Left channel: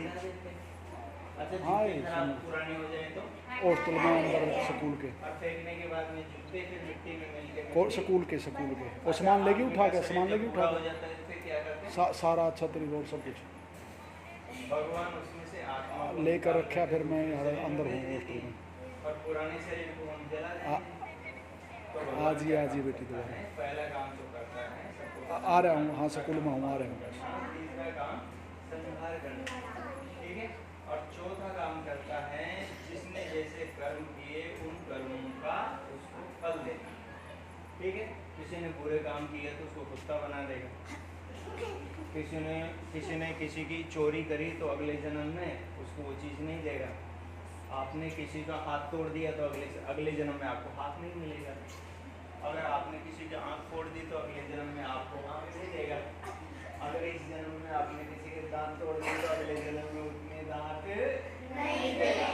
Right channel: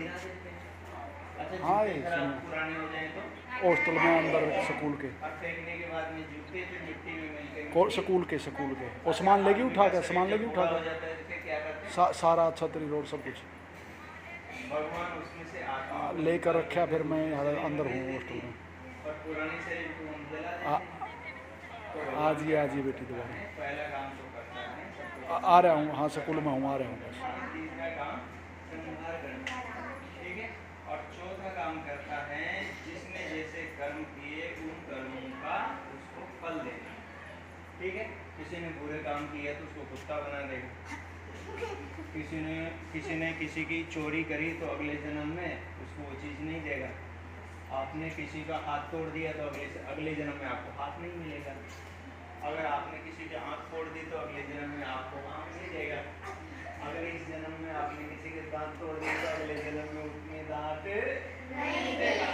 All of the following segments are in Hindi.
गिरा देते हैं। अच्छा हाँ, जूते ये खराब सुनो। पुराने हो जाए तो हॉस्टल में अंदर स्कूल के और फेंकने के बाद में जूते फिर मिट्टी में मिलके स्कूल के और सामान लेगी उठा के सामान लेगी उठा हो के जाता है फिर क्या करते हैं? सारा छतरी रोड सब कुछ भगवान उसमें से आत्मा को लेकर निकाल रखा। फिर मैं के अंदर हूँ दे हॉस्टल में। और पुराने शरीर को हम जला देते हैं। तो आज ही बेटी दोबारा पहला काम जो करता है सबको आ रहा हूँ। हाँ, स्कूल में हूँ, आ रहा हूँ बस। तीसरा काम संहार करना, ठीक है। और चौथा काम करता है जिसने जैसे कर्म किए उन कर्मों का उसको फल देना, ठीक है। किसी ने बुरे काम किया तो उसको कुत्ता बना देगा। किसी ने किसी की चोरी करी तो अगले जन्म में उसको वो चीज़ नहीं देगा। आपने किसी का हाथ तोड़ दिया तो अगले जन्म में आपको हाथ नहीं मिलेगा। अगर आपने किसी की आँख फोड़ दी तो अगले जन्म में आपको आँख नहीं देगा। अगर इस जन्म में आपने किसी के दांत तोड़ दिए तो अगले जन्म में उतने दांत नहीं देगा।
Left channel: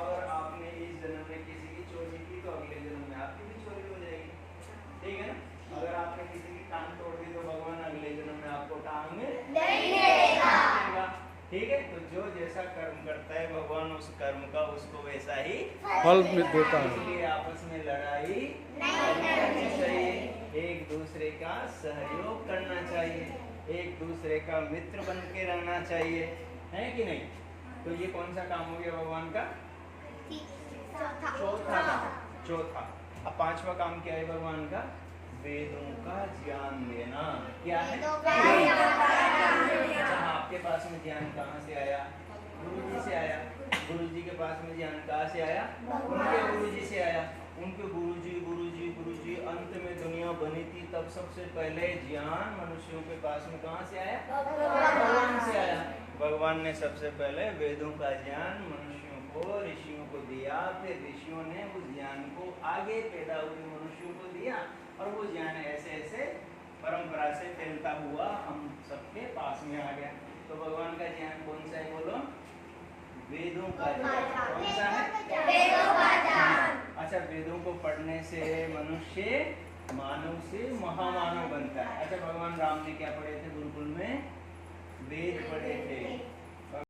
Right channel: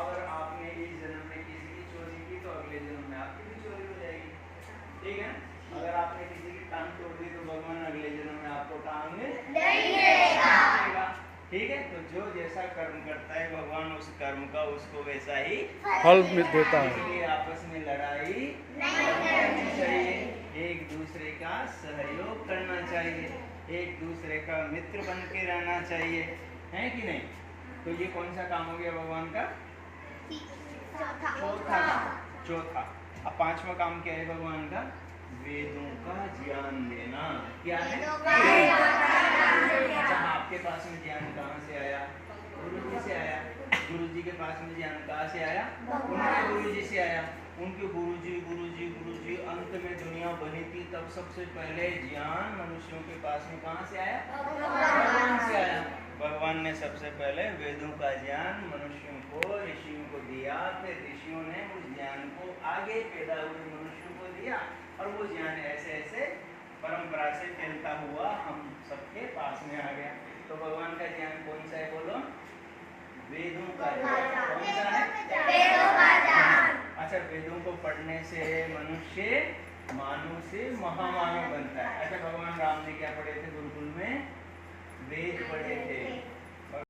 अगर आपने इस जन्म में किसी की चोरी की तो अगले जन्म में आपकी भी चोरी हो जाएगी, ठीक है। अगर आपने किसी की टांग तोड़ दी तो भगवान अगले जन्म में आपको टांग नहीं देगा, ठीक है। तो जो जैसा कर्म करता है भगवान उस कर्म का उसको वैसा ही फल देता है। इसलिए आपस में लड़ाई नहीं करनी चाहिए, एक दूसरे का सहयोग करना चाहिए, एक दूसरे का मित्र बन के रहना चाहिए, है कि नहीं। तो ये कौन सा काम हो गया भगवान का? चौथा। अब पांचवा काम क्या है भगवान का? वेदों का ज्ञान देना। क्या है? अच्छा, आपके पास में ज्ञान कहाँ से आया? गुरु जी से आया। गुरु जी के पास में ज्ञान कहाँ से आया? उनके गुरु जी से आया। उनके गुरु जी अंत में दुनिया बनी थी तब सबसे पहले ज्ञान मनुष्यों के पास में कहाँ से आया? भगवान से आया। भगवान ने सबसे पहले वेदों का ज्ञान मनुष्यों को, ऋषियों को दिया। फिर ऋषियों ने उस ज्ञान को आगे पैदा हुए मनुष्यों को दिया और वो ज्ञान ऐसे ऐसे परंपरा से फैलता हुआ हम सबके पास में आ गया। तो भगवान का ज्ञान कौन सा है बोलो? वेदों का ज्ञान। कौन सा है? वेदों का ज्ञान। अच्छा, वेदों को पढ़ने से मनुष्य मानव से महामानव बनता है। अच्छा, भगवान राम ने क्या पढ़े थे गुरुकुल में? वेद पढ़े थे।